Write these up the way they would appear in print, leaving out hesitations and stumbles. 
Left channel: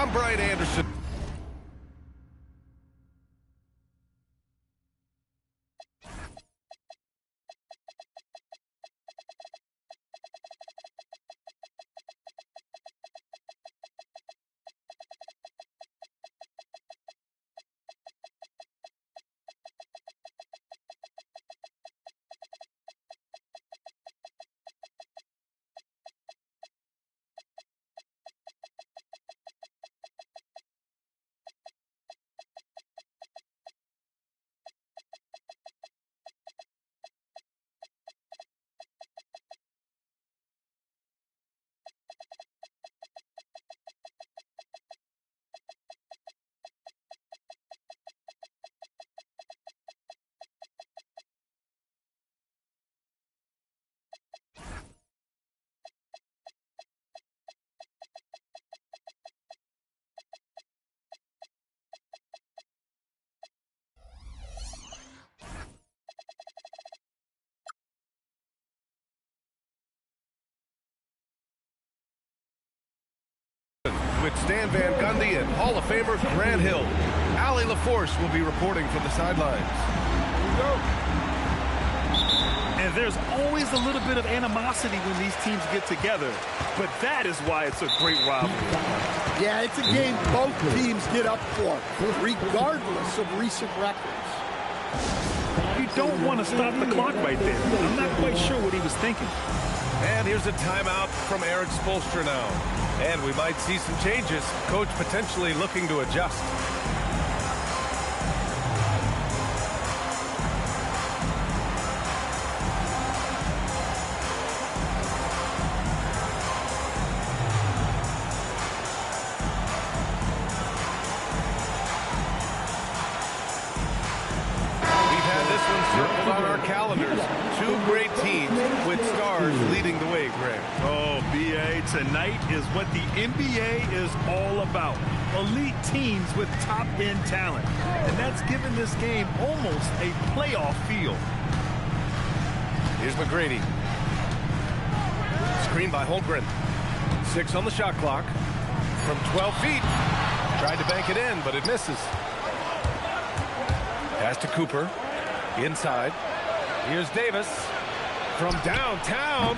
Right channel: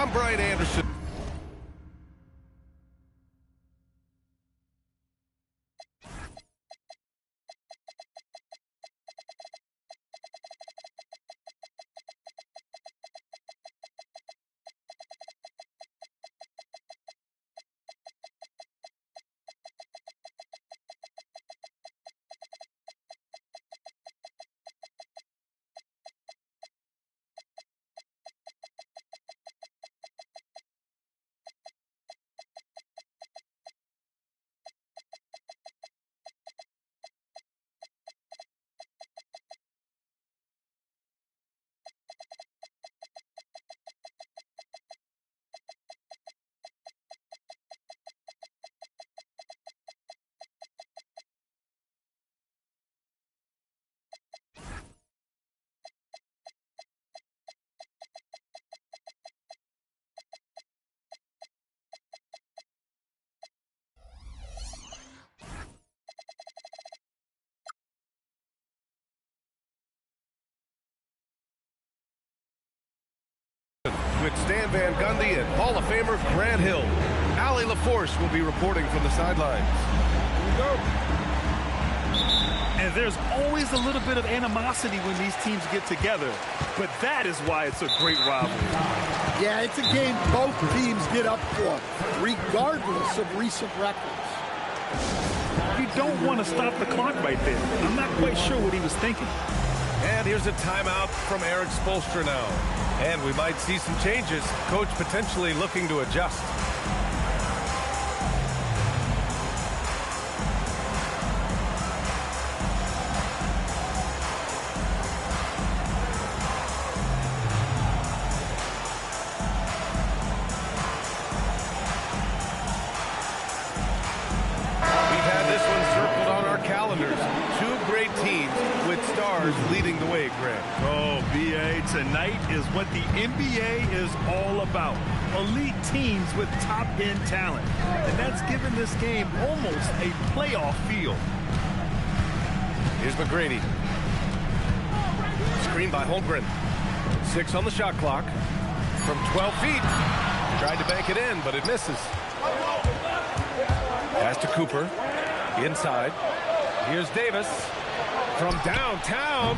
I'm Brian Anderson. With Stan Van Gundy and Hall of Famer Grant Hill. Allie LaForce will be reporting from the sidelines. Here we go. And there's always a little bit of animosity when these teams get together, but that is why it's a great rivalry. Yeah, it's a game both teams get up for, regardless of recent records. You don't want to stop the clock right there. I'm not quite sure what he was thinking. And here's a timeout from Eric Spoelstra now. And we might see some changes. Coach potentially looking to adjust. Calendars. Two great teams with stars leading the way, Grant. Oh, B.A., tonight is what the NBA is all about. Elite teams with top-end talent. And that's given this game almost a playoff feel. Here's McGrady. Screen by Holmgren. 6 on the shot clock. From 12 feet. Tried to bank it in, but it misses. Pass to Cooper. Inside. Here's Davis from downtown.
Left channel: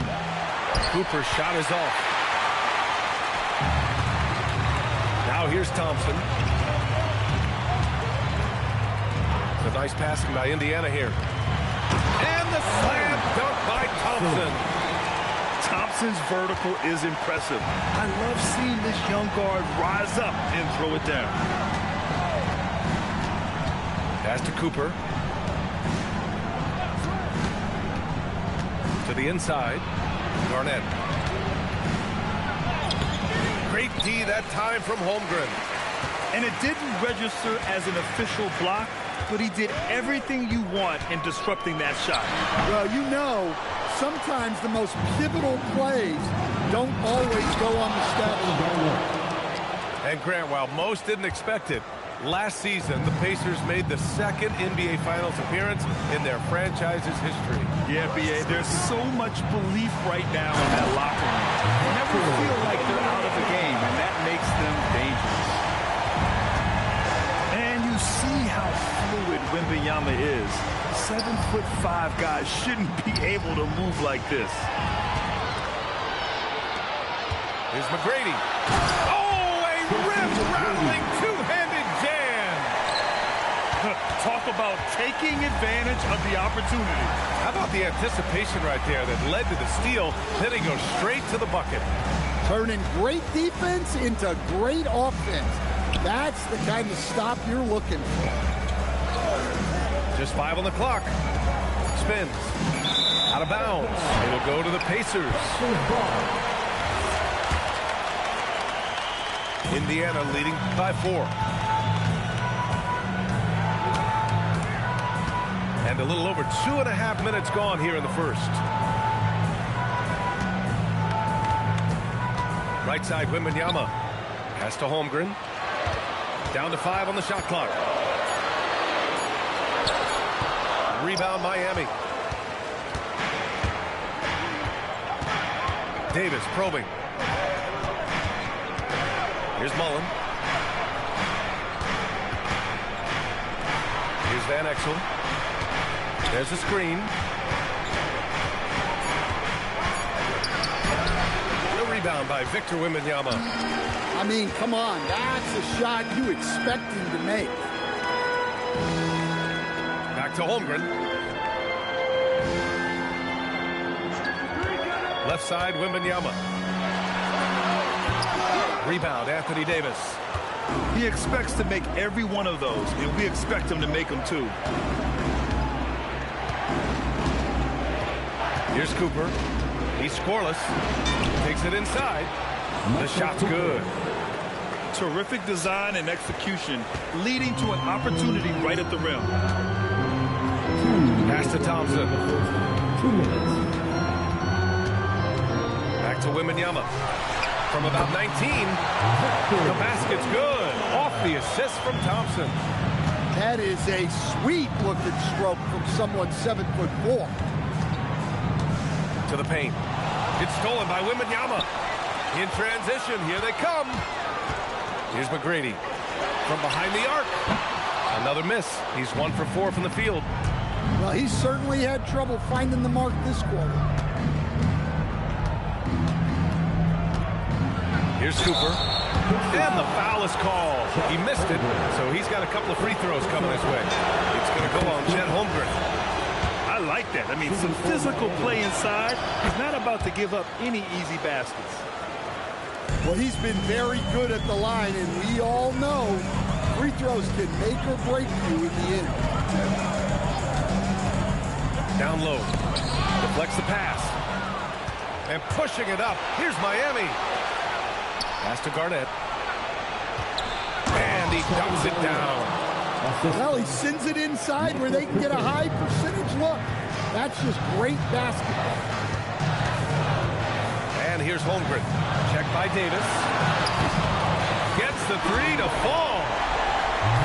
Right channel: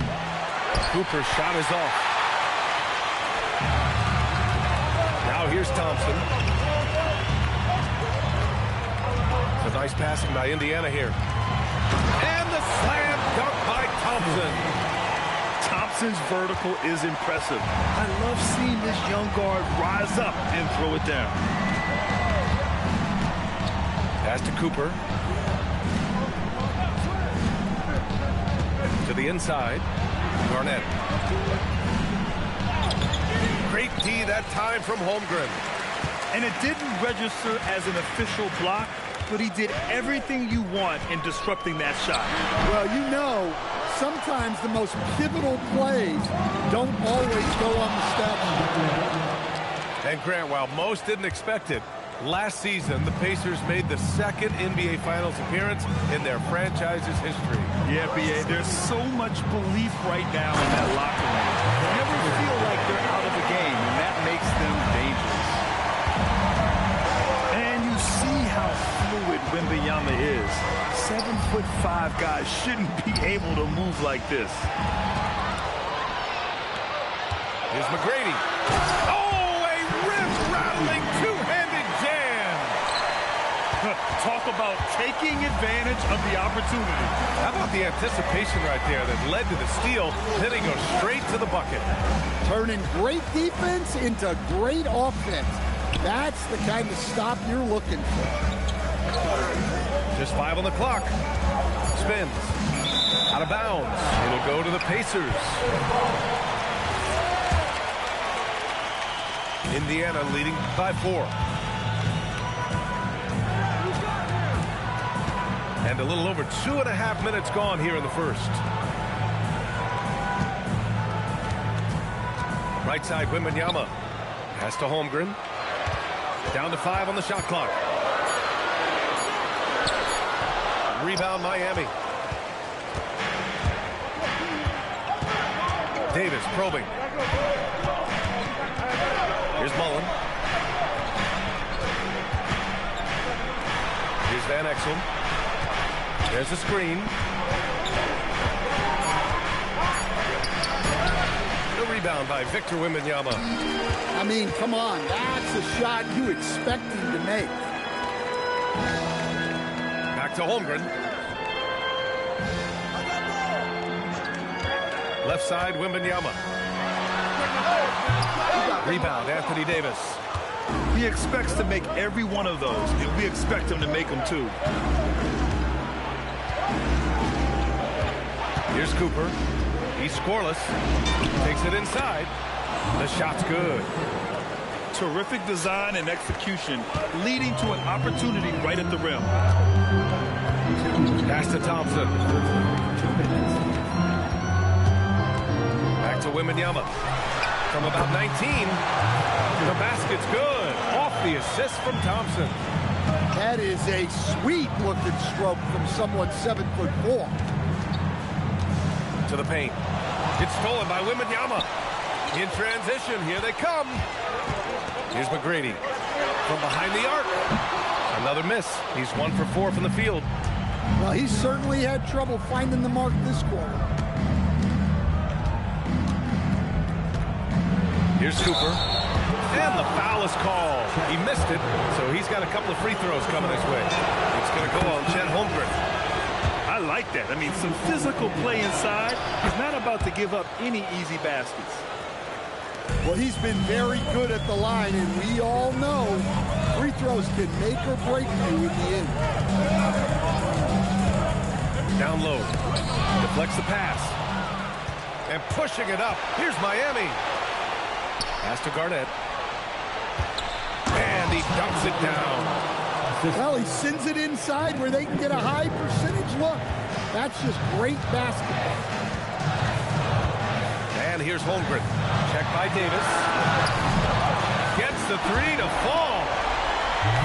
Cooper's shot is off. Now here's Thompson. It's a nice passing by Indiana here. And the slam dunk by Thompson. Thompson's vertical is impressive. I love seeing this young guard rise up and throw it down. Pass to Cooper. To the inside, Garnett. Great D that time from Holmgren. And it didn't register as an official block, but he did everything you want in disrupting that shot. Well, you know, sometimes the most pivotal plays don't always go on the steps. And Grant, while most didn't expect it, last season, the Pacers made the second NBA Finals appearance in their franchise's history. Yeah, B.A., there's so much belief right now in that locker room. They never feel like they're out of a game, and that makes them dangerous. And you see how fluid Wembanyama is. 7'5" guys shouldn't be able to move like this. Here's McGrady. Oh, a rim-rattling two-handed jam. Talk about taking advantage of the opportunity. How about the anticipation right there that led to the steal, then he goes straight to the bucket. Turning great defense into great offense. That's the kind of stop you're looking for. Just 5 on the clock. Spins. Out of bounds. It'll go to the Pacers. Indiana leading by 4. And a little over 2.5 minutes gone here in the first. Right side, Wembanyama. Pass to Holmgren. Down to 5 on the shot clock. Rebound, Miami. Davis probing. Here's Mullen. Here's Van Exel. There's a screen. The rebound by Victor Wembanyama. I mean, come on. That's a shot you expect him to make. Back to Holmgren. Left side, Wembanyama. Rebound, Anthony Davis. He expects to make every one of those, and we expect him to make them too. Here's Cooper. He's scoreless. Takes it inside. The shot's good. Terrific design and execution, leading to an opportunity right at the rim. Pass to Thompson. Back to Wembanyama. From about 19, the basket's good. Off the assist from Thompson. That is a sweet-looking stroke from someone 7'4". To the paint. It's stolen by Wembanyama. In transition, here they come. Here's McGrady from behind the arc. Another miss. He's 1 for 4 from the field. Well, he certainly had trouble finding the mark this quarter. Here's Cooper. And the foul is called. He missed it, so he's got a couple of free throws coming his way. It's going to go on Chet Holmgren. I like that. I mean, some physical play inside. He's not about to give up any easy baskets. Well, he's been very good at the line, and we all know free throws can make or break you in the end. Down low. Deflects the pass. And pushing it up. Here's Miami. Pass to Garnett. And he dunks it down. Well, he sends it inside where they can get a high percentage look. That's just great basketball. And here's Holmgren. Check by Davis. Gets the three to fall.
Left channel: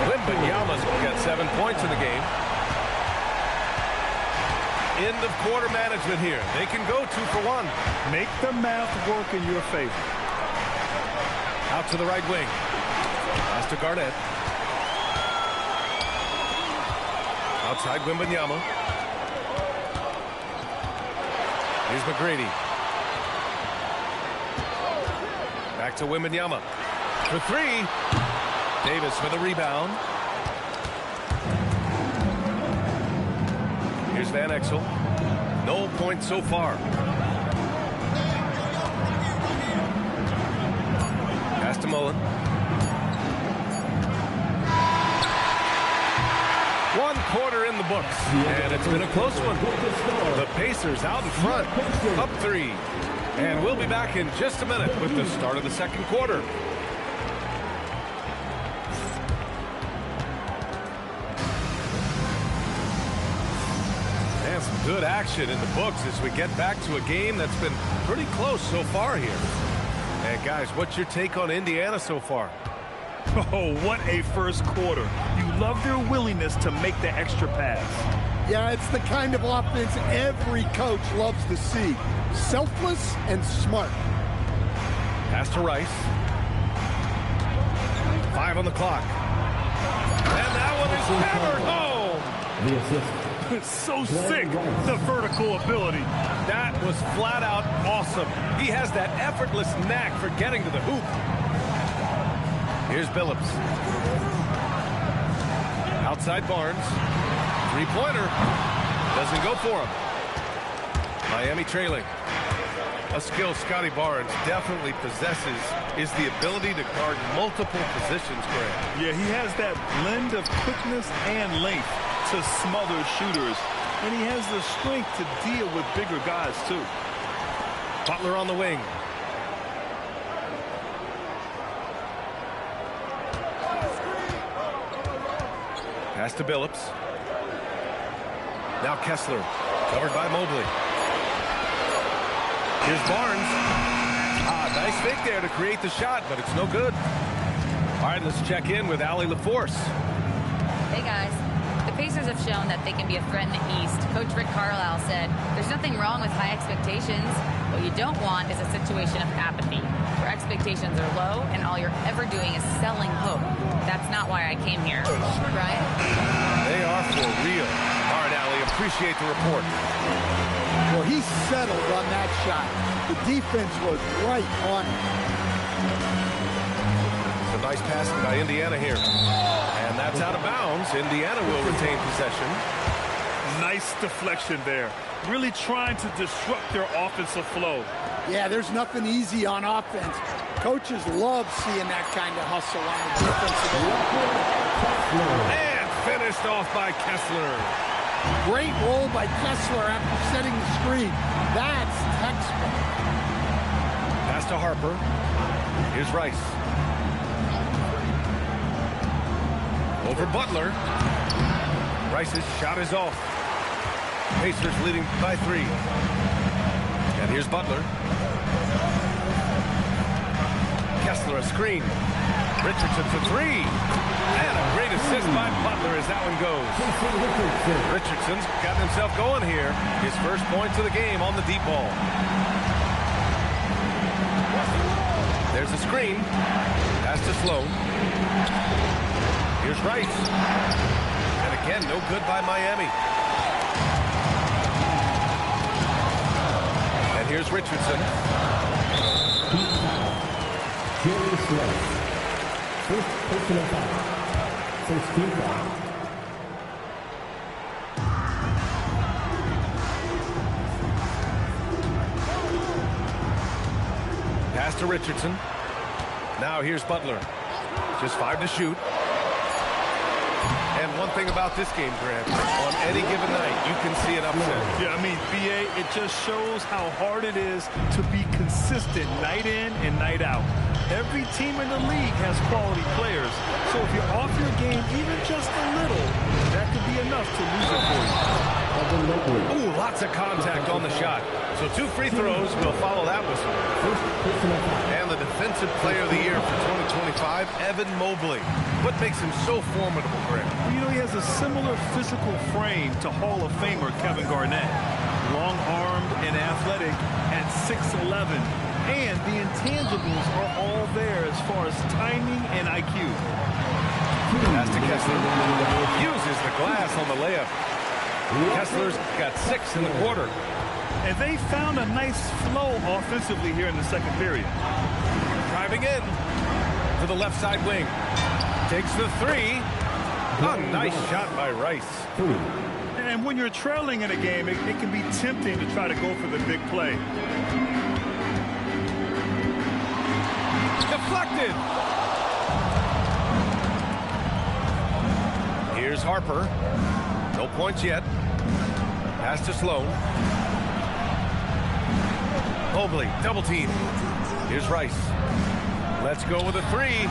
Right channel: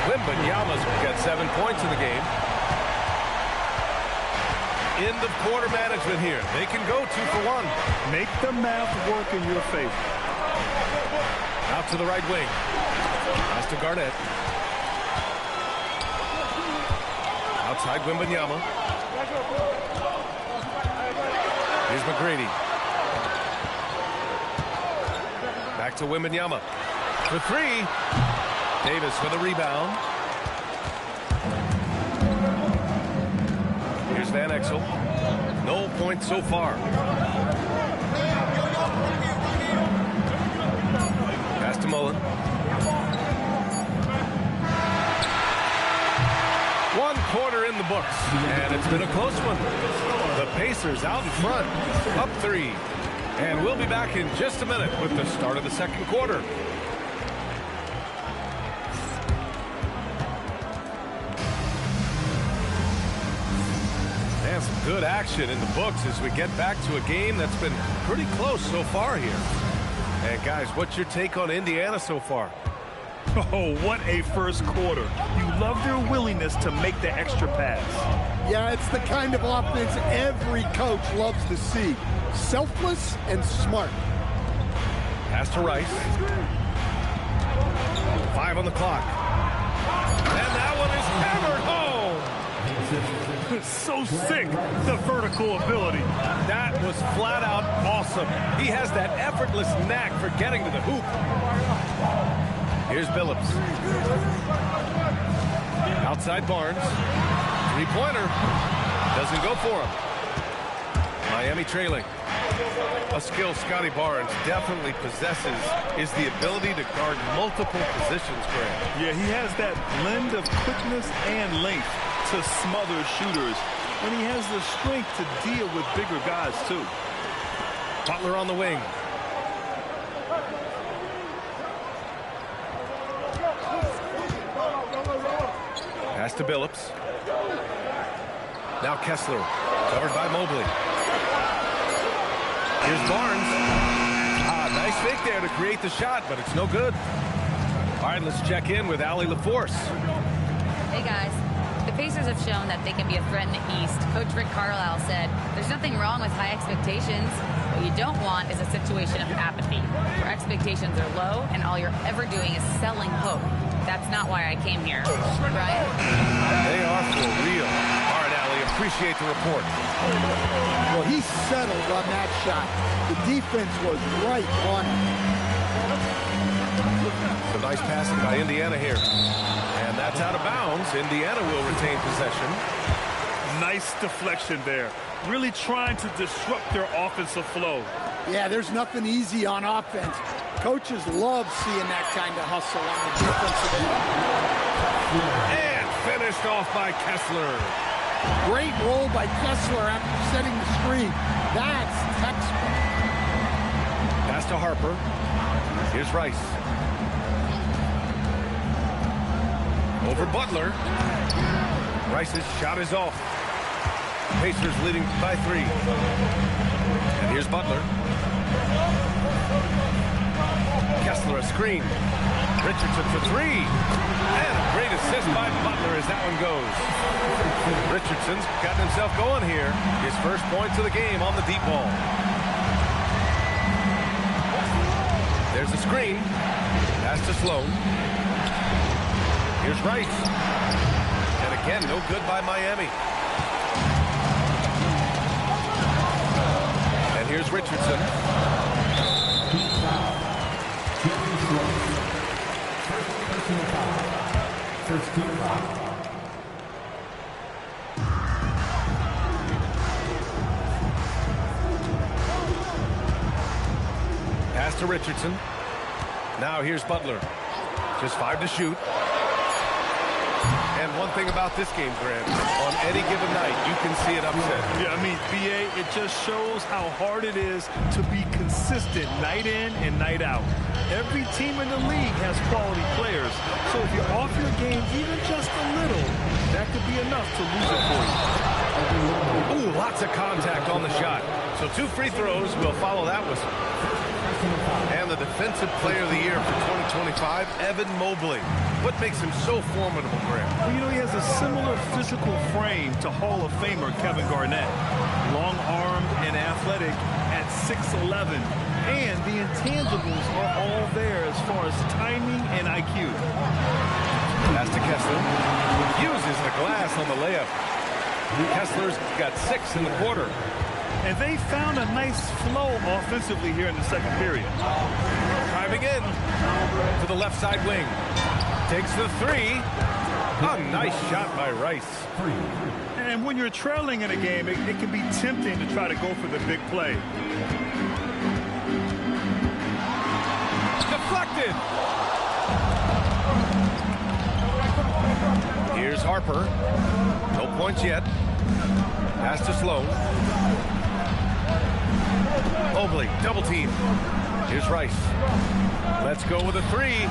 Wembanyama's got 7 points in the game. End of quarter management here. They can go 2 for 1. Make the math work in your favor. Out to the right wing. Pass to Garnett. Outside Wembanyama. Here's McGrady. Back to Wembanyama. For 3. Davis for the rebound. Here's Van Exel. No points so far. Pass to Mullen. 1 quarter in the books, and it's been a close one. The Pacers out in front, up 3. And we'll be back in just a minute with the start of the second quarter. And some good action in the books as we get back to a game that's been pretty close so far here. And guys, what's your take on Indiana so far? Oh, what a first quarter. You love their willingness to make the extra pass. Yeah, it's the kind of offense every coach loves to see. Selfless and smart. Pass to Rice. 5 on the clock. And that one is hammered home. So sick, the vertical ability. That was flat out awesome. He has that effortless knack for getting to the hoop. Here's Billups. Outside Barnes. 3-pointer. Doesn't go for him. Miami trailing. A skill Scotty Barnes definitely possesses is the ability to guard multiple positions, Grant. Yeah, he has that blend of quickness and length to smother shooters, and he has the strength to deal with bigger guys too. Butler on the wing. Pass to Billups. Now Kessler, covered by Mobley. Here's Barnes. Nice fake there to create the shot, but it's no good. All right, let's check in with Allie LaForce. Hey, guys. The Pacers have shown that they can be a threat in the East. Coach Rick Carlisle said, there's nothing wrong with high expectations, What you don't want is a situation of apathy, where expectations are low and all you're ever doing is selling hope. That's not why I came here. Brian? They are for real. All right, Allie, appreciate the report. Well, he settled on that shot. The defense was right on him. Some nice passing by Indiana here. And that's out of bounds. Indiana will retain possession. Nice deflection there. Really trying to disrupt their offensive flow. Yeah, there's nothing easy on offense. Coaches love seeing that kind of hustle on the defensive end. And finished off by Kessler. Great roll by Kessler after setting the screen. That's textbook. Pass to Harper. Here's Rice. Over Butler. Rice's shot is off. Pacers leading by 3. And here's Butler. Kessler a screen. Richardson for 3. And a great assist by Butler as that one goes. Richardson's gotten himself going here. His first points of the game on the deep ball. There's a screen. Pass to Sloan. Here's Rice. And again, no good by Miami. And here's Richardson. Jerry Sloan. First personal foul. First team foul. Pass to Richardson. Now here's Butler. Just 5 to shoot. And one thing about this game, Grant, on any given night, you can see it upset. Yeah, I mean, BA, it just shows how hard it is to be consistent night in and night out. Every team in the league has quality players. So if you're off your game even just a little, that could be enough to lose it for you. Ooh, lots of contact on the shot. So 2 free throws will follow that whistle. And the Defensive Player of the Year for 2025, Evan Mobley. What makes him so formidable, Grant? Well, you know, he has a similar physical frame to Hall of Famer Kevin Garnett. Long-armed and athletic at 6'11". And the intangibles are all there as far as timing and IQ. Pass to Kessler. Uses the glass on the layup. Kessler's got 6 in the quarter. And they found a nice flow offensively here in the second period. Driving in to the left side wing. Takes the 3. A nice shot by Rice. And when you're trailing in a game, it can be tempting to try to go for the big play. Deflected. Here's Harper. No points yet. Pass to Sloan. Mobley, double team. Here's Rice. Let's go with a 3.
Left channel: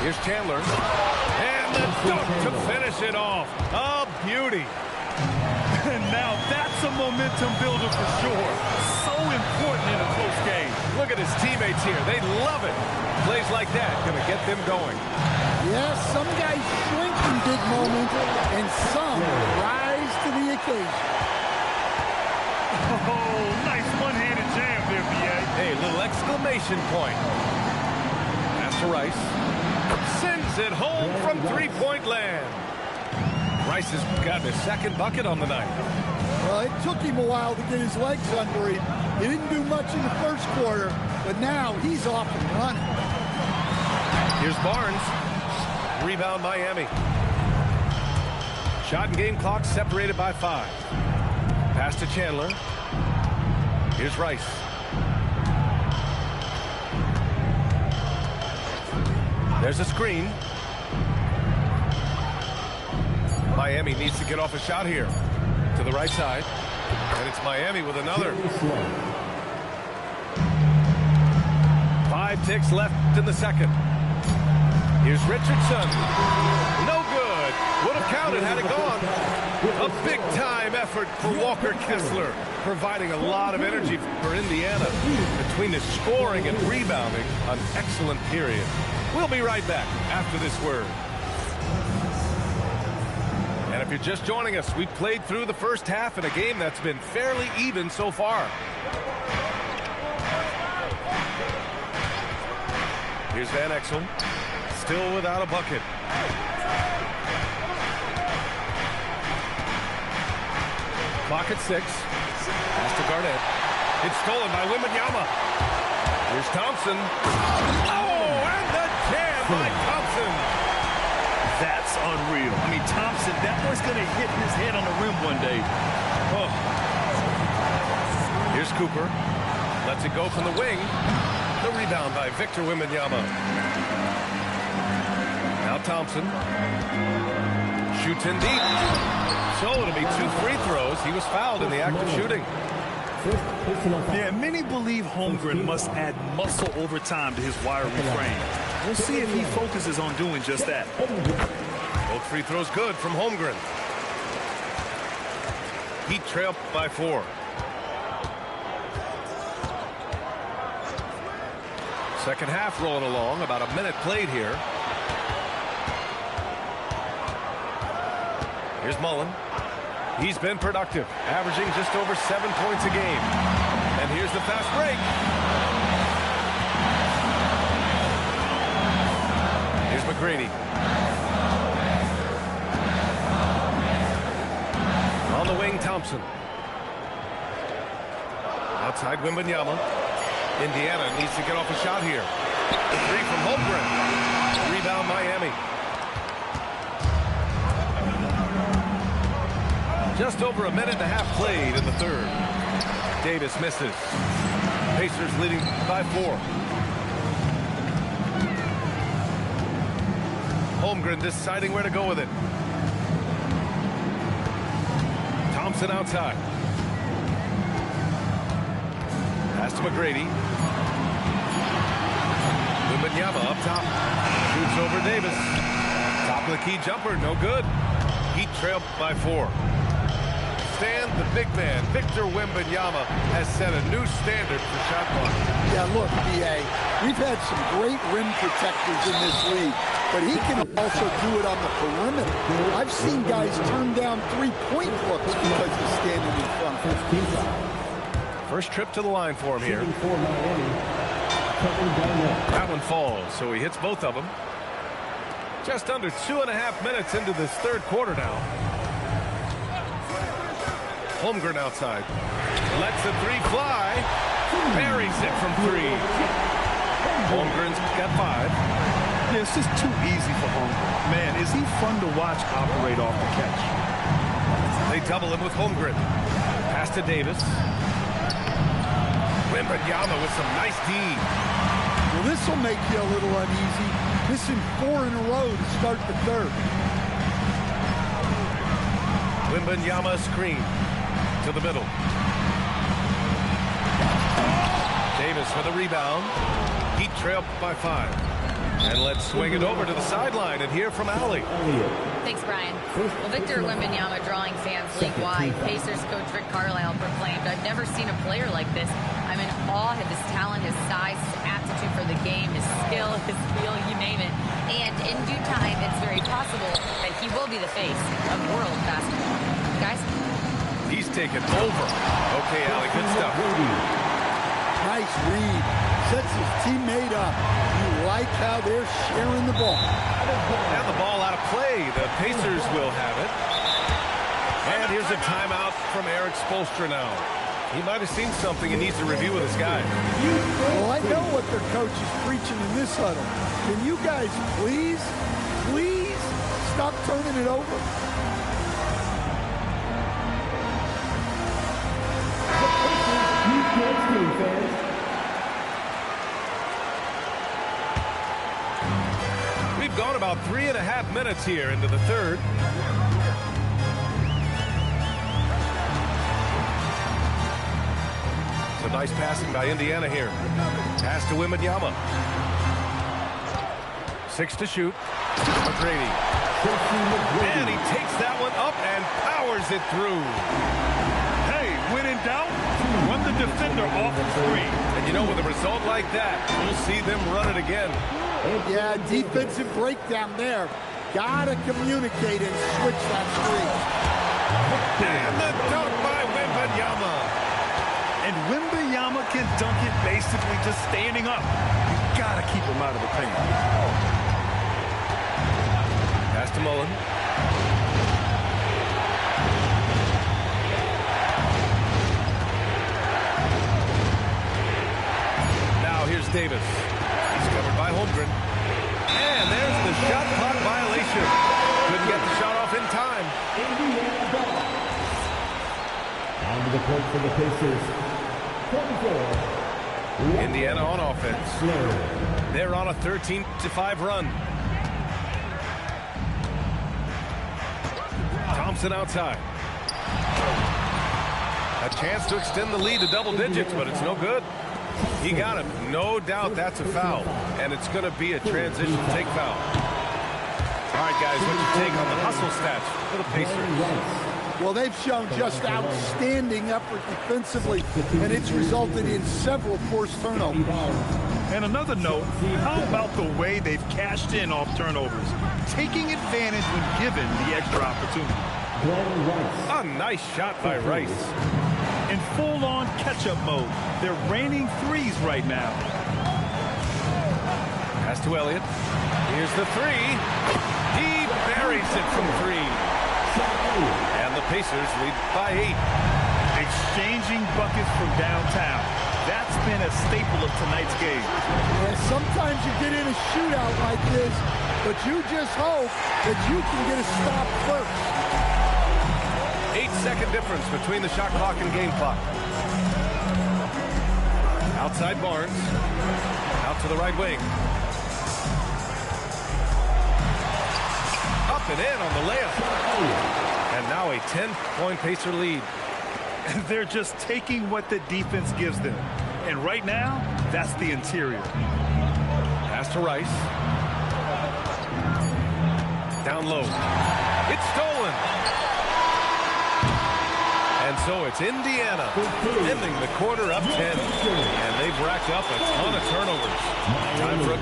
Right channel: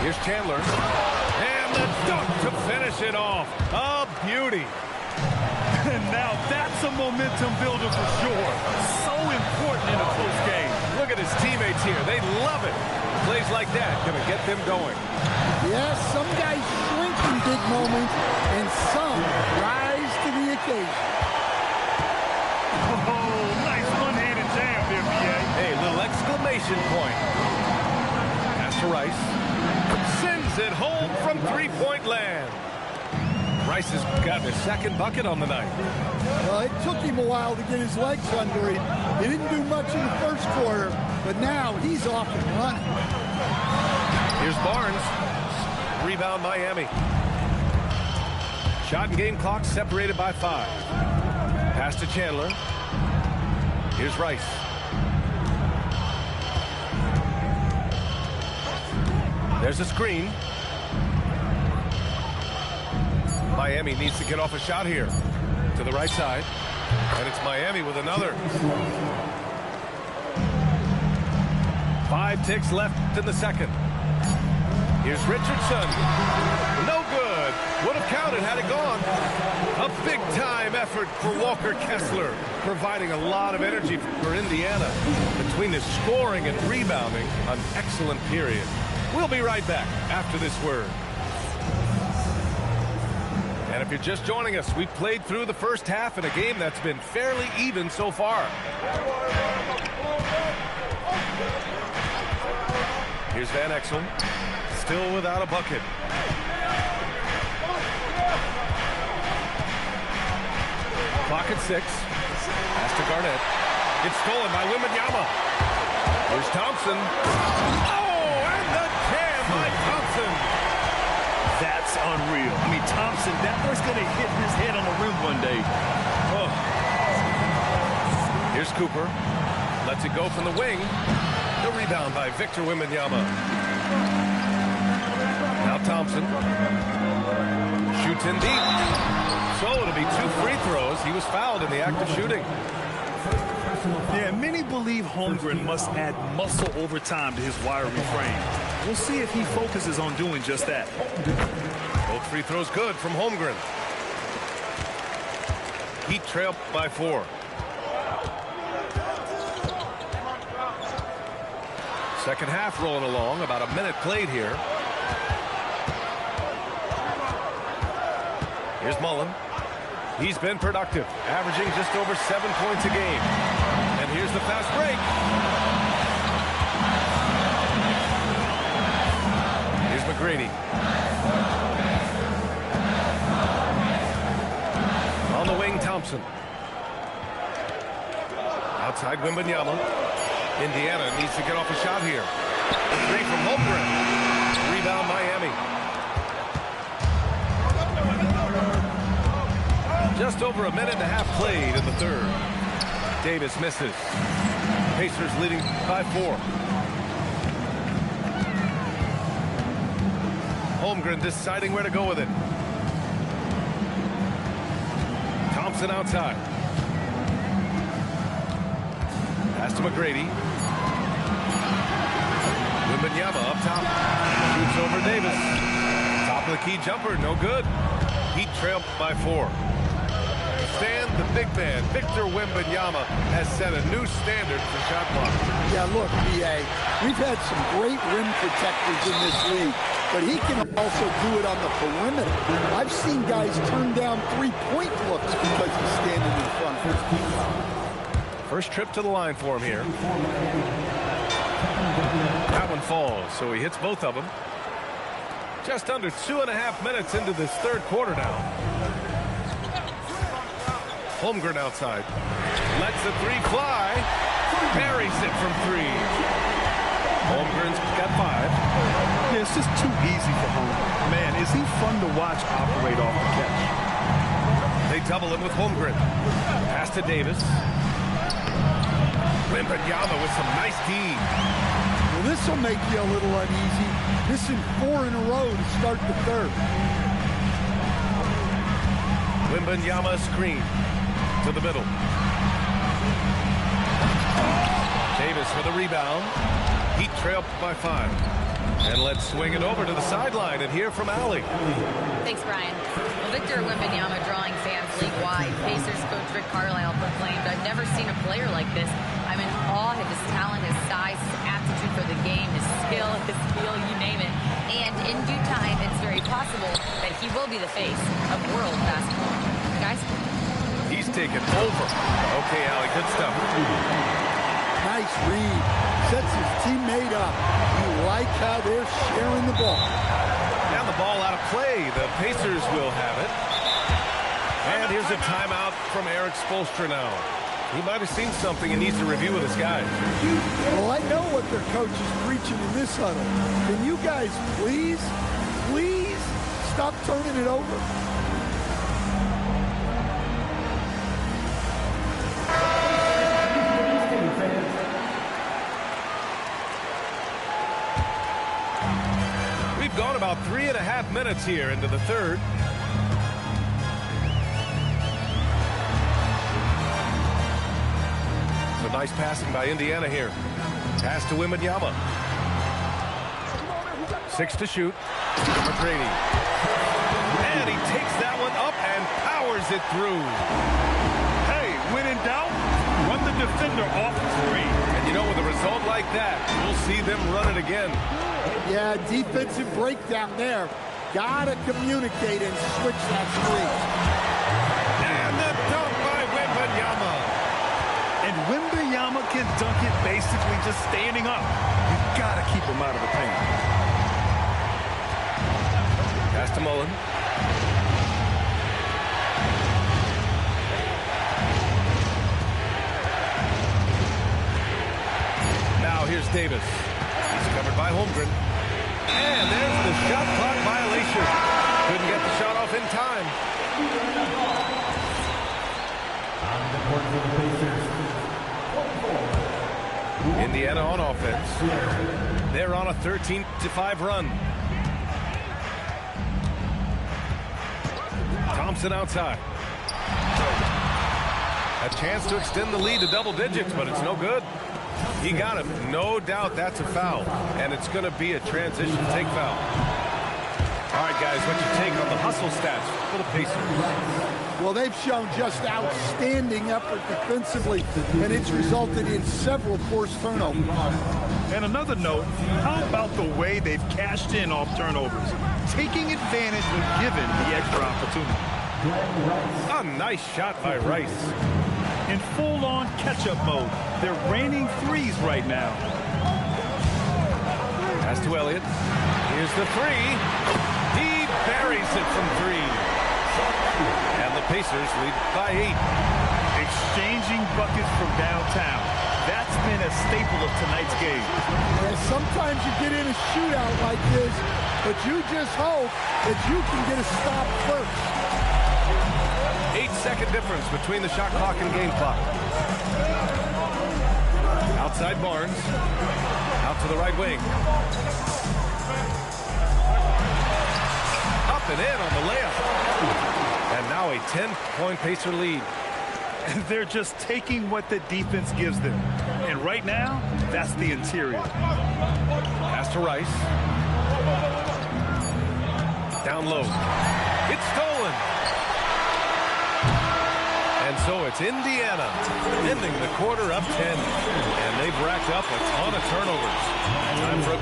Here's Chandler. And the dunk to finish it off. A beauty. And now that's a momentum builder for sure. So important in a close game. Look at his teammates here. They love it. Plays like that going to get them going. Yes, some guys shrink in big moments, and some rise to the occasion. Oh, nice one-handed jam there, B.A. Hey, little exclamation point. Pass to Rice. Sends it home from three-point land. Rice has gotten his second bucket on the night. Well, it took him a while to get his legs under him. He didn't do much in the first quarter, but now he's off and running. Here's Barnes. Rebound Miami. Shot and game clock separated by 5. Pass to Chandler. Here's Rice. There's a screen. Miami needs to get off a shot here. To the right side. And it's Miami with another. 5 ticks left in the second. Here's Richardson. No good. Would have counted had it gone. A big-time effort for Walker Kessler, providing a lot of energy for Indiana. Between the scoring and rebounding, an excellent period. We'll be right back after this word. And if you're just joining us, we've played through the first half in a game that's been fairly even so far. Here's Van Exel, still without a bucket. Clock at 6. Pass to Garnett. It's stolen by Wembanyama. Here's Thompson. Oh, and the jam by Thompson. That's unreal. I mean, Thompson, that boy's going to hit his head on the rim one day. Oh. Here's Cooper. Lets it go from the wing. The rebound by Victor Wembanyama. Now Thompson. Shoots in deep. So it'll be 2 free throws. He was fouled in the act of shooting. Yeah, many believe Holmgren must add muscle over time to his wiry frame. We'll see if he focuses on doing just that. Both free throws good from Holmgren. Heat trail by 4. Second half rolling along. About a minute played here. Here's Mullen. He's been productive, averaging just over 7 points a game. And here's the fast break. Here's McGrady. On the wing, Thompson. Outside Wembanyama. Indiana needs to get off a shot here. 3 from Holmgren. Rebound Miami. Just over a minute and a half played in the third. Davis misses. Pacers leading by 4. Holmgren deciding where to go with it. Thompson outside. Pass to McGrady. Wembanyama up top. Shoots over Davis. Top of the key jumper, no good. Heat trail by 4. Stan, the big man, Victor Wembanyama, has set a new standard for shot blocking. Yeah, look, B.A., we've had some great rim protectors in this league, but he can also do it on the perimeter. I've seen guys turn down 3-point looks because he's standing in front of him. First trip to the line for him here. That one falls, so he hits both of them. Just under 2.5 minutes into this third quarter now. Holmgren outside. Lets the 3 fly. Buries it from 3. Holmgren's got 5. Yeah, it's just too easy for Holmgren. Man, is he fun to watch operate off the catch. They double him with Holmgren. Pass to Davis. Wembanyama with some nice D. Well, this will make you a little uneasy. Missing 4 in a row to start the third. Wembanyama screen to the middle. Davis for the rebound. Heat trail by 5. And let's swing it over to the sideline and hear from Allie. Thanks, Brian. Well, Victor Wembanyama drawing fans league-wide. Pacers coach Rick Carlisle proclaimed, "I've never seen a player like this. I'm in awe of his talent, his size, his aptitude for the game, his skill, his feel, you name it. And in due time, it's very possible that he will be the face of world basketball." Guys? He's taken over. Okay, Allie, good stuff. Nice read. Sets his teammate up. You like how they're sharing the ball. Now the ball out of play. The Pacers will have it. And here's a timeout from Eric Spoelstra now. He might have seen something and needs to review with his guys. Well, I know what their coach is preaching in this huddle. Can you guys please stop turning it over? We've gone about 3.5 minutes here into the third. So nice passing by Indiana here. Pass to Wembanyama. 6 to shoot. McGrady. And he takes that one up and powers it through. Hey, when in doubt, run the defender off the screen. And you know, with a result like that, we'll see them run it again. Yeah, defensive breakdown there. Gotta communicate and switch that streak. And the dunk by Wembanyama. And Wembanyama can dunk it basically just standing up. You gotta keep him out of the paint. Pass to Mullen. Now here's Davis. He's covered by Holmgren. And there's the shot clock violation. Couldn't get the shot off in time. Onto the court for the Pacers. 24. Indiana on offense. They're on a 13-5 run. Thompson outside. A chance to extend the lead to double digits, but it's no good. He got him. No doubt that's a foul. And it's going to be a transition take foul. All right, guys, what's your take on the hustle stats for the Pacers? Well, they've shown just outstanding effort defensively, and it's resulted in several forced turnovers. And another note, how about the way they've cashed in off turnovers, taking advantage when given the extra opportunity. A nice shot by Rice. In full-on catch-up mode, they're raining threes right now. Pass to Elliott. Here's the three. He buries it from three. And the Pacers lead by 8. Exchanging buckets from downtown. That's been a staple of tonight's game. Yeah, sometimes you get in a shootout like this, but you just hope that you can get a stop first. 8-second difference between the shot clock and game clock. Outside Barnes. Out to the right wing. Up and in on the layup. And now a 10-point Pacer lead. And they're just taking what the defense gives them. And right now, that's the interior. Pass to Rice. Down low. It's stolen. And so it's Indiana ending the quarter up 10. And they've racked up a ton of turnovers. Time for a...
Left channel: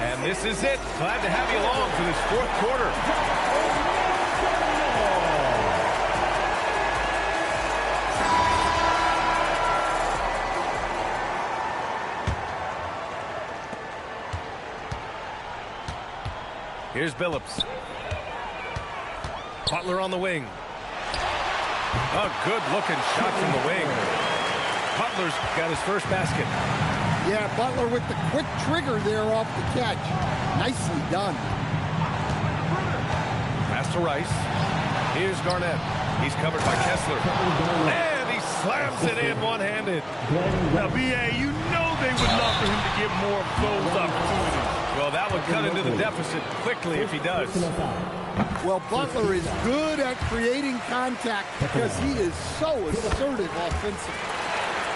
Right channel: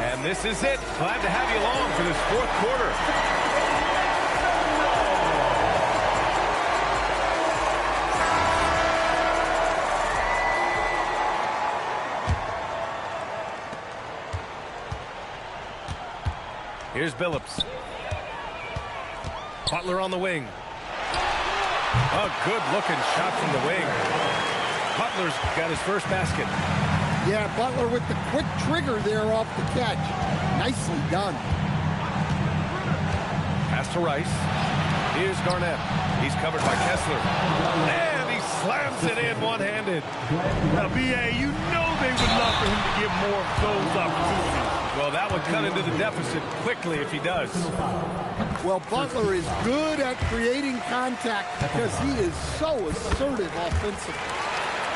And this is it. Glad to have you along for this fourth quarter. Here's Billups. Butler on the wing. A good-looking shot from the wing. Butler's got his first basket. Yeah, Butler with the quick trigger there off the catch. Nicely done. Pass to Rice. Here's Garnett. He's covered by Kessler. And he slams it in one-handed. Now, B.A., you know they would love for him to get more of those opportunities. Well, that would cut into the deficit quickly if he does. Well, Butler is good at creating contact because he is so assertive offensively.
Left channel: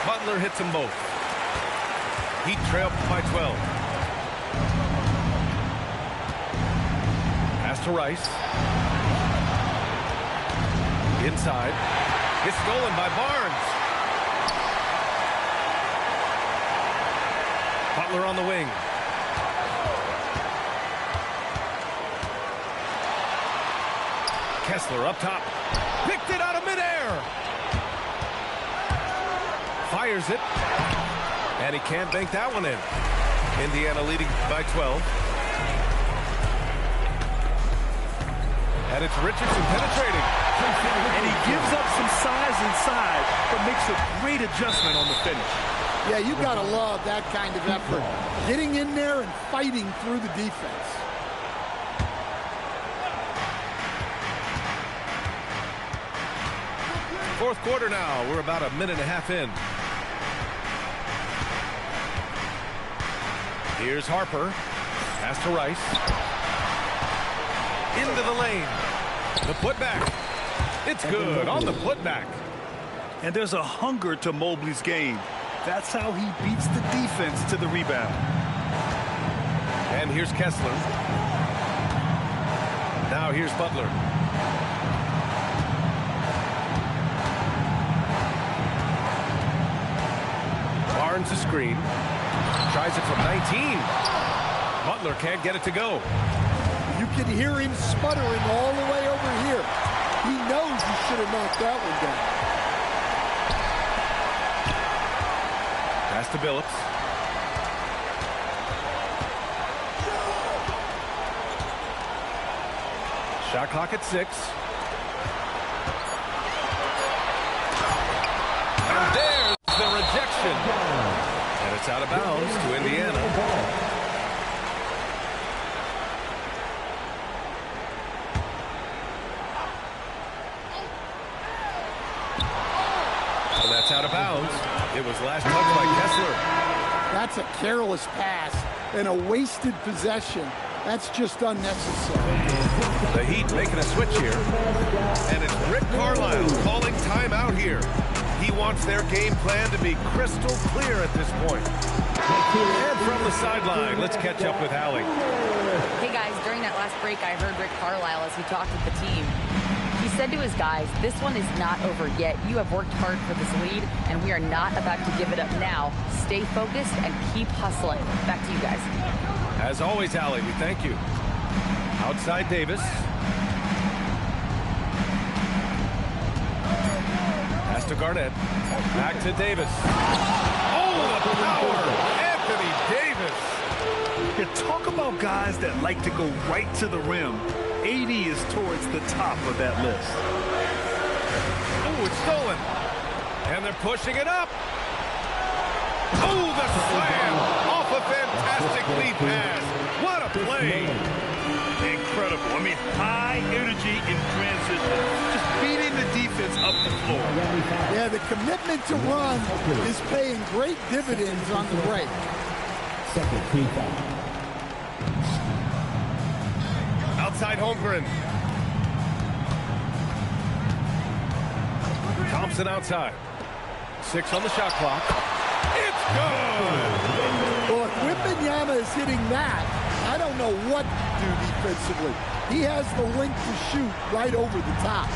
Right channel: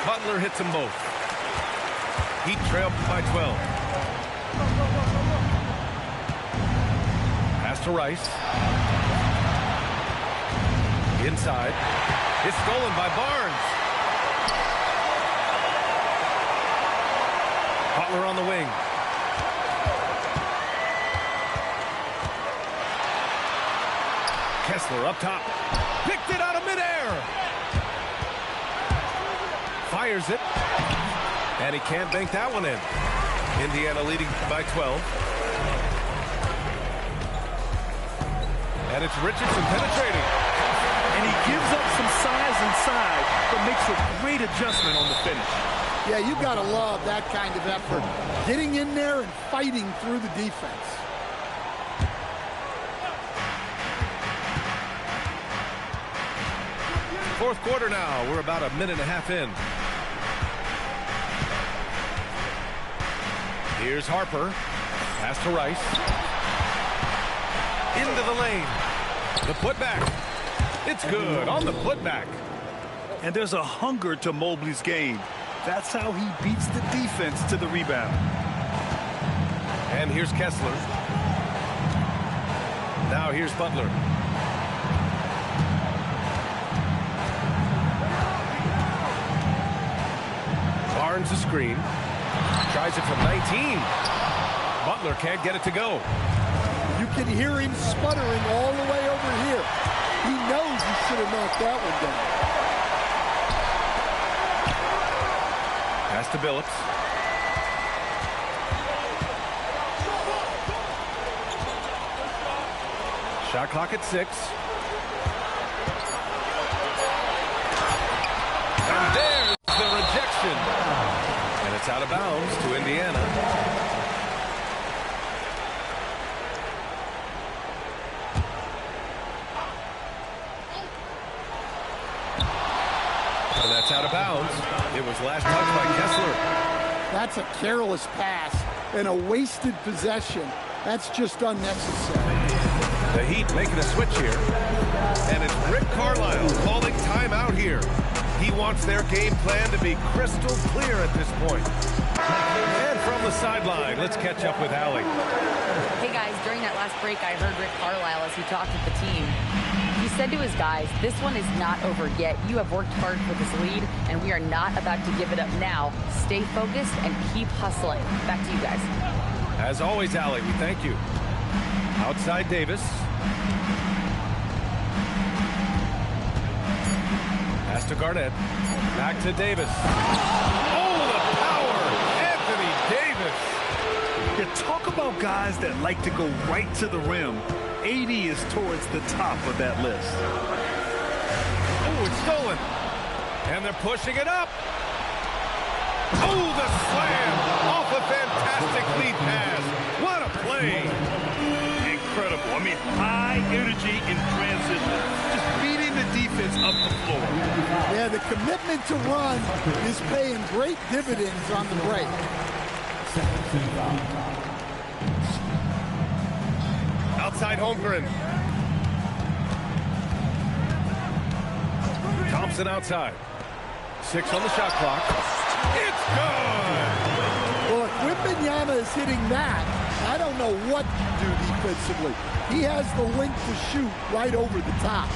Butler hits them both. Heat trail by 12. Pass to Rice. Inside. It's stolen by Barnes. Butler on the wing. Kessler up top. Picked it out of midair. Fires it. And he can't bank that one in. Indiana leading by 12. And it's Richardson penetrating. And he gives up some size inside, but makes a great adjustment on the finish. Yeah, you got to love that kind of effort. Getting in there and fighting through the defense. Fourth quarter now. We're about a minute and a half in. Here's Harper. Pass to Rice. Into the lane. The putback. It's good on the putback. And there's a hunger to Mobley's game. That's how he beats the defense to the rebound. And here's Kessler. Now here's Butler. Barnes a screen. Tries it from 19. Butler can't get it to go. You can hear him sputtering all the way over here. He knows he should have knocked that one down. Pass to Billups. Shot clock at 6. And there's the rejection. And it's out of bounds to Indiana. And that's out of bounds. It was last touched by Kessler. That's a careless pass and a wasted possession. That's just unnecessary. The Heat making a switch here. And it's Rick Carlisle calling timeout here. He wants their game plan to be crystal clear at this point. And from the sideline, let's catch up with Allie. Hey guys, during that last break, I heard Rick Carlisle as he talked with the team. He said to his guys, this one is not over yet. You have worked hard for this lead, and we are not about to give it up now. Stay focused and keep hustling. Back to you guys. As always, Allie, we thank you. Outside Davis. Pass to Garnett. Back to Davis. Oh, the power! Anthony Davis. You talk about guys that like to go right to the rim. AD is towards the top of that list. Oh, it's stolen. And they're pushing it up. Oh, the slam off a fantastic lead pass. What a play. Incredible. I mean, high energy in transition. Just beating the defense up the floor. Yeah, the commitment to run is paying great dividends on the break. Second team foul. Outside Holmgren. Thompson outside. 6 on the shot clock. It's good. Well, if Wembanyama is hitting that, I don't know what you do defensively. He has the length to shoot right over the top.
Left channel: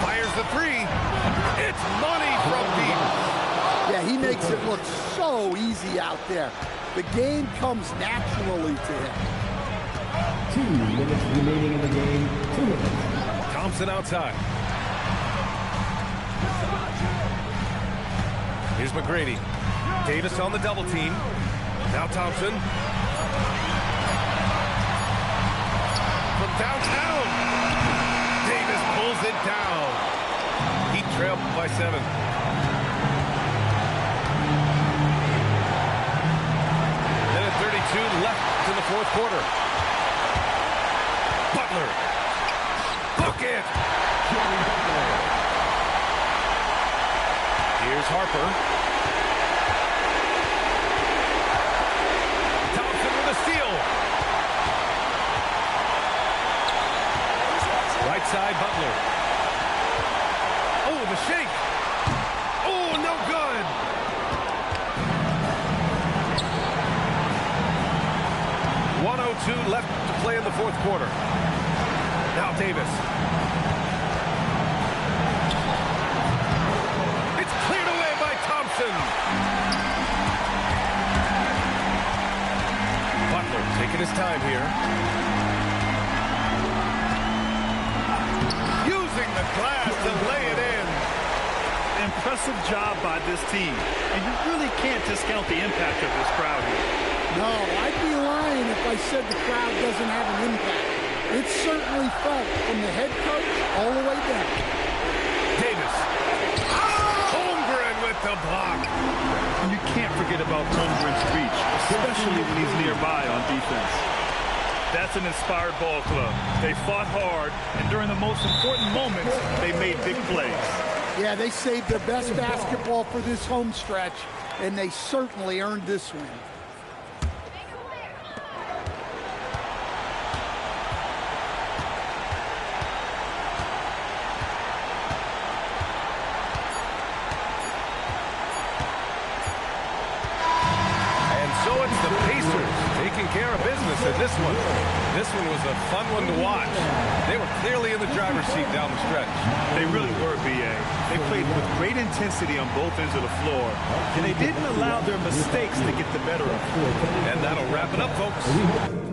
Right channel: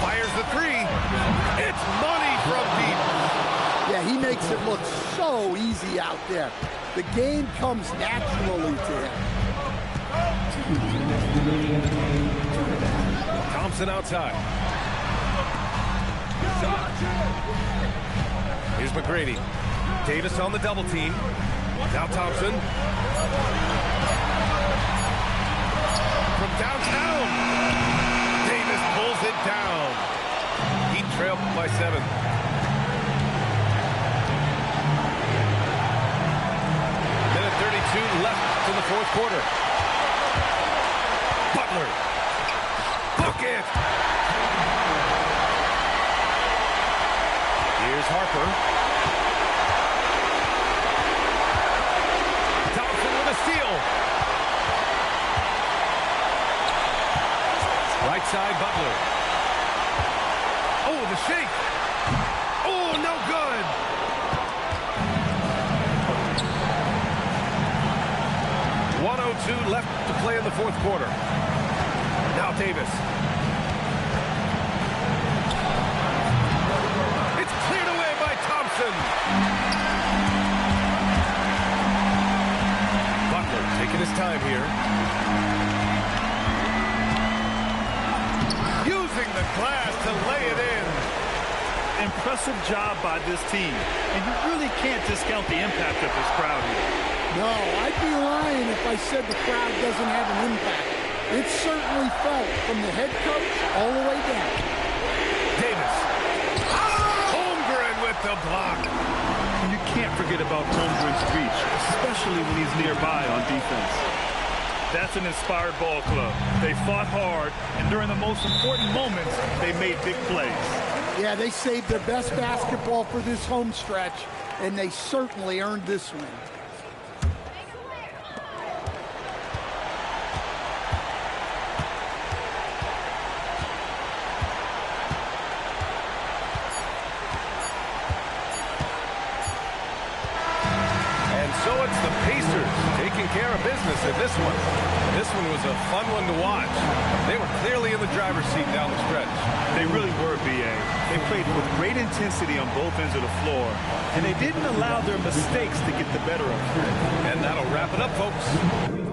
Fires the 3. It's money from deep. Yeah, he makes it look so easy out there. The game comes naturally to him. 2 minutes remaining in the game. 2 minutes. Thompson outside. Here's McGrady. Davis on the double team. Now Thompson. From downtown. Davis pulls it down. He trailed by 7. Minute 32 left in the fourth quarter. Butler. Bucket. Here's Harper. Thompson with a steal. Right side, Butler. Oh, the shake. Oh, no good. .102 left to play in the fourth quarter. Now Davis. It's cleared away by Thompson. Butler taking his time here. Using the glass to lay it in. Impressive job by this team. And you really can't discount the impact of this crowd here. No, I'd be lying if I said the crowd doesn't have an impact. It's certainly felt from the head coach all the way down. Davis. Holmgren with the block. And you can't forget about Holmgren's reach, especially when he's nearby on defense. That's an inspired ball club. They fought hard, and during the most important moments, they made big plays. Yeah, they saved their best basketball for this home stretch, and they certainly earned this win. So it's the Pacers taking care of business in this one. This one was a fun one to watch. They were clearly in the driver's seat down the stretch. They really were, B.A. They played with great intensity on both ends of the floor, and they didn't allow their mistakes to get the better of them. And that'll wrap it up, folks.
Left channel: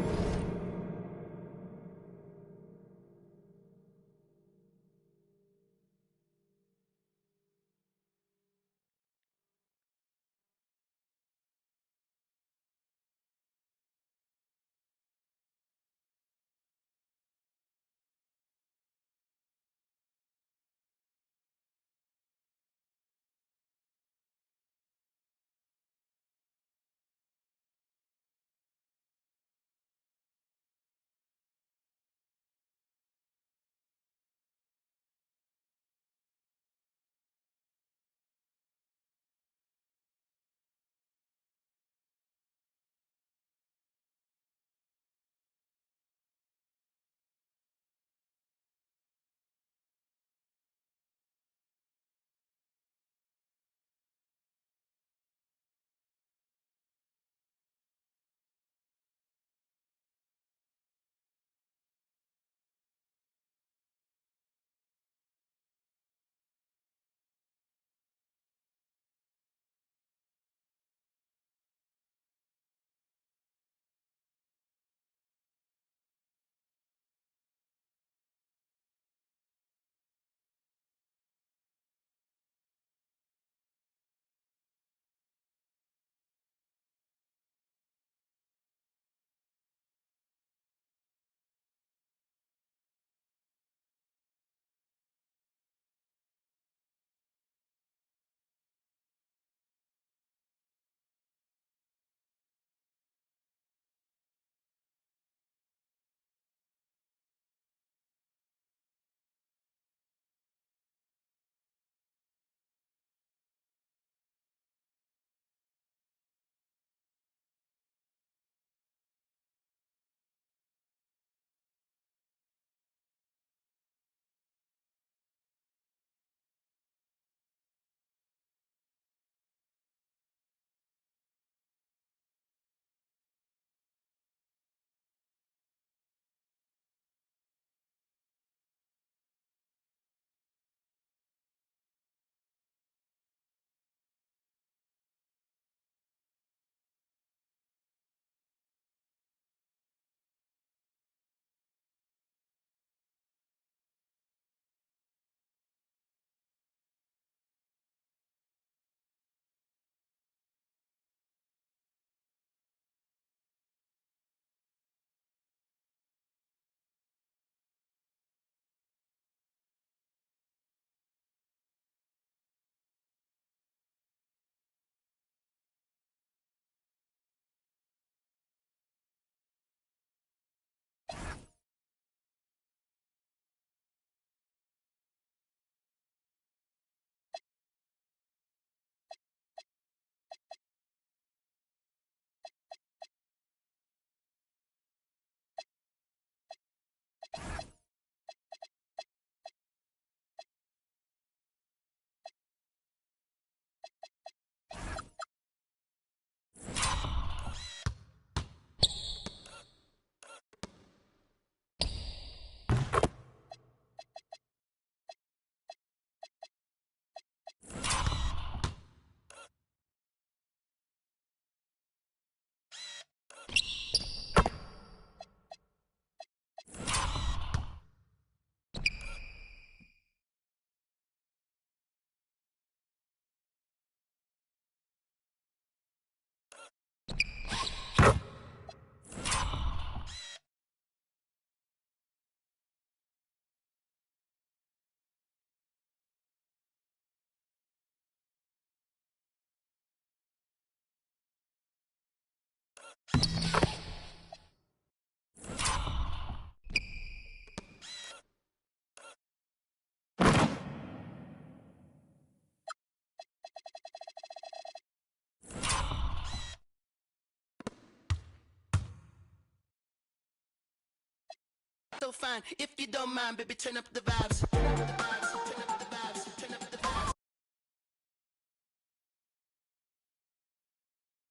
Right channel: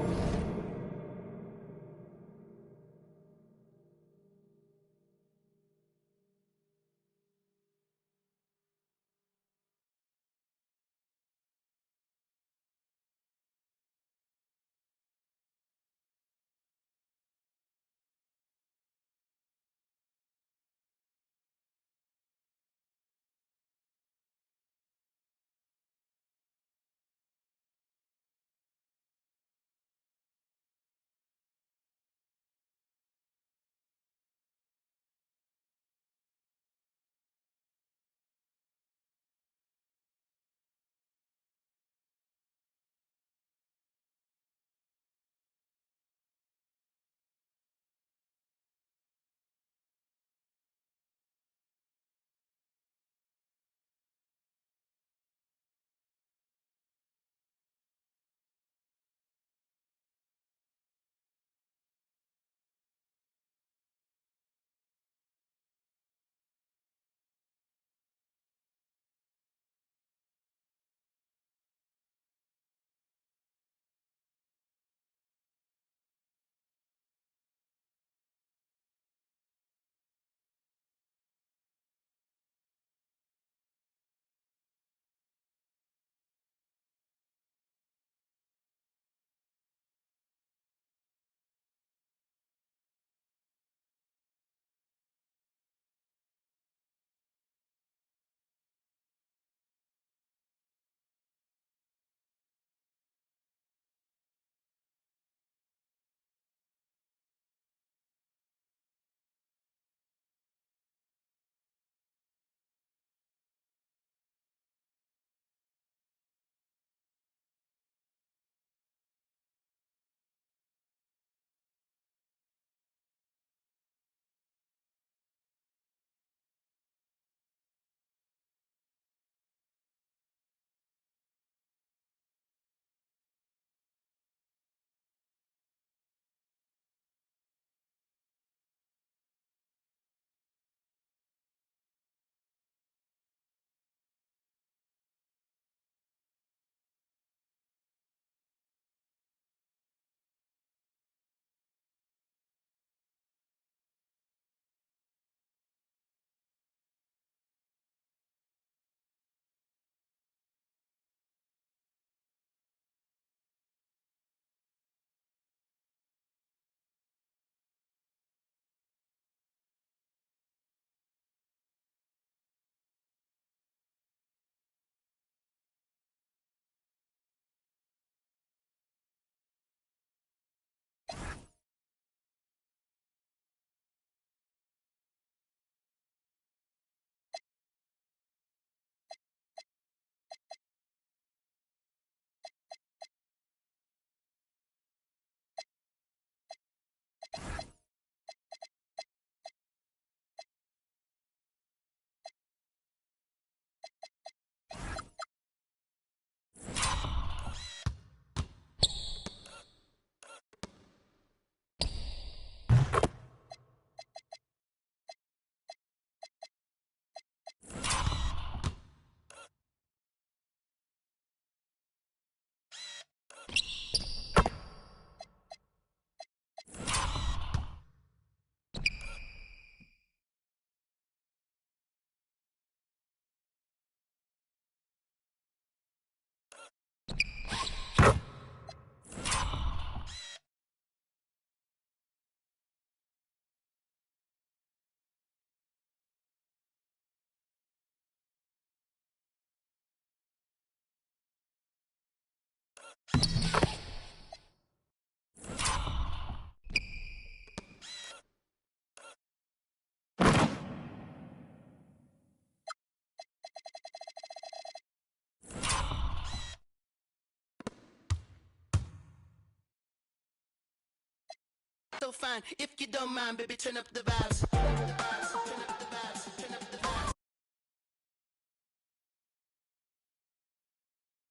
So fine, if you don't mind, baby, turn up the vibes.